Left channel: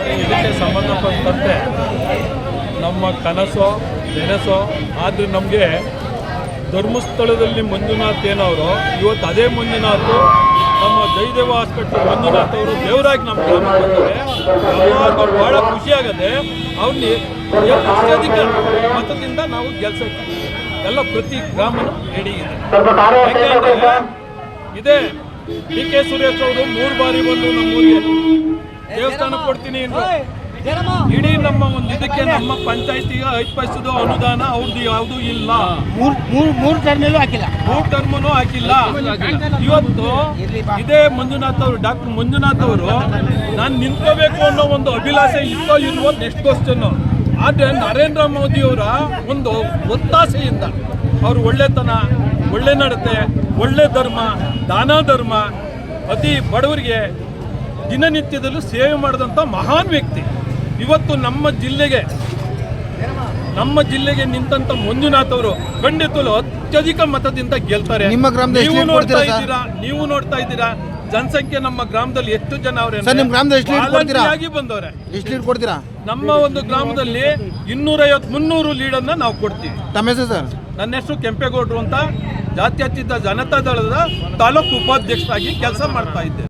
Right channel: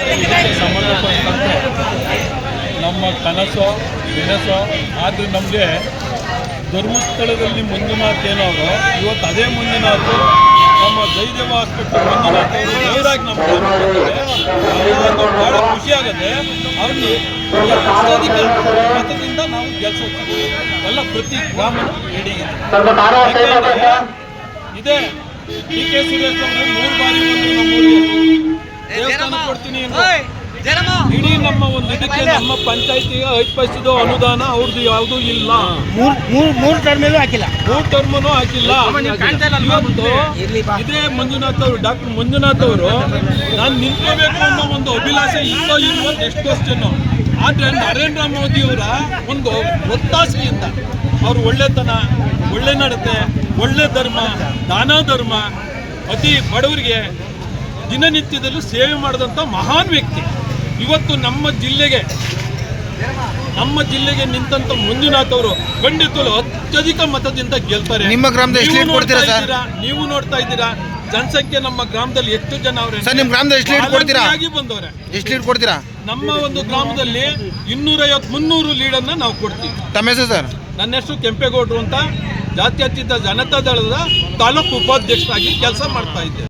ಇದಕ್ಕೆ ಸಂಬಂಧಪಟ್ಟಂತೆ ನಮ್ಮ ಕನಸು ಬೆನಸು ಆದರೆ ನಮಗೆ ಧರ್ಮಸ್ಥಳದಲ್ಲಿ ಮಂಜುನಾಥ್ ಏನವರು ಇವತ್ತು ಅದೇ ಮಂಜುನಾಥ್ ನಮ್ಮ ಜಯದೇವ ಹಾಸ್ಪಿಟಲ್ ಮಂಜುನಾಥ್ ಅವರು ದೇವರಾಗಿ ನಮ್ಮ ಯಾವಾಗ ಭಾಳ ಖುಷಿಯಾಗದೆ ಅವ್ರಿಗೆ ಅತ್ಯಧಿಕ ಮತದಿಂದ ನಾವು ಗೆಲ್ಸಕ್ಕೆ ಎಲ್ಲ ಪ್ರತಿ ಗ್ರಾಮನೂ ಹಿಡಿಯಿದೆ. ಇದೇ ಡಿ ಕೆ ಸುರೇಶ್ ಅವರು 3 ಬಾರಿ ಬಂದು ನಮ್ಮೂರಿಗೆ ದೇವಸ್ಥಾನ ಕೊಡ್ತೀನಿ ಇಡೀ ನಮ್ಮ ಒಂದು ಇದಕ್ಕೆ ನಮ್ಮ ಪಂಚಾಯತಿಗೆ 5 ಪೈಸೆದು ಅನುದಾನ ಅವ್ರದ್ದು ಯಾವುದೂ ಇಲ್ಲ. ಮೂರು ಟರ್ಮಲ್ಲೂ ಹಾಕಿಲ್ಲ. ಇವತ್ತು ಇದೇ ಮಂಜುನಾಥ್ ಅವರು ಡಾಕ್ಟರ್ ಮಂಜುನಾಥ್ ಅವರು ನಾನು ನಿಂತ್ಕೋಬೇಕು ಅನ್ನೋ ಒಂದು ಅಭಿಲಾಷೆ ಇಲ್ಲೋ ಇಲ್ವೋ ನೆಕ್ಸ್ಟ್ ಕ್ವಶನ್. ಆದರೆ ನರೇಂದ್ರ ಮೋದಿಯವರ ಒಂದು ಒತ್ತಾಸೆಯಿಂದ ಅವರು ಒಳ್ಳೆತನ, ಒಳ್ಳೆ ನಡತೆ, ಒಳ್ಳೆ ಧರ್ಮ, ದಾನ ಧರ್ಮ, ಅತಿ ಬಡವರಿಗೆ ದಿನನಿತ್ಯದಲ್ಲೂ ಸೇವೆ ಮಾಡಿದಂಥ ಮಹಾನ್ ವ್ಯಕ್ತಿ. ಇವತ್ತು ನಮ್ಮ ಜಿಲ್ಲೆಗೆ ನಿಂತಂತ ಮಂಜುನಾಥ್ ಅವರು ಖಂಡಿತಲು ಅತ್ಯಧಿಕ ಮತದಿಂದ ಗೆಲ್ತಾರೆ. ನಿಮ್ಮ ಗ್ರಾಮದಲ್ಲಿ ನೀವು ನೋಡ್ತಾ ಇದ್ದೀರಾ ಜನಸಂಖ್ಯೆ ನಮ್ಮ ಗ್ರಾಮದಲ್ಲಿ ಎಷ್ಟು ಜನ ಅವರೇ ನಿಮ್ಮ ಗ್ರಾಮದಲ್ಲಿ ಎಷ್ಟು ಲೀಡ್ ಕೊಡ್ತೀರಾ? ಬಂದವರೆ ಎಷ್ಟು ಲೀಡ್ ಕೊಡ್ತೀರಾ? ನಮ್ಮ ಒಂದು ಗ್ರಾಮದಲ್ಲಿ 250-300 ಲೀಡನ್ನು ನಾವು ಕೊಡ್ತೀವಿ. ತಮ್ಮ ಹೆಸರು ಸರ್? ನನ್ನ ಹೆಸರು ಕೆಂಪೇಗೌಡರು ಅಂತ, ಜಾತ್ಯತೀತ ಜನತಾ ದಳದ ತಾಲೂಕು ಉಪಾಧ್ಯಕ್ಷರಾಗಿ ಕೆಲಸ ಮಾಡ್ತಾ ಇದ್ದೆ.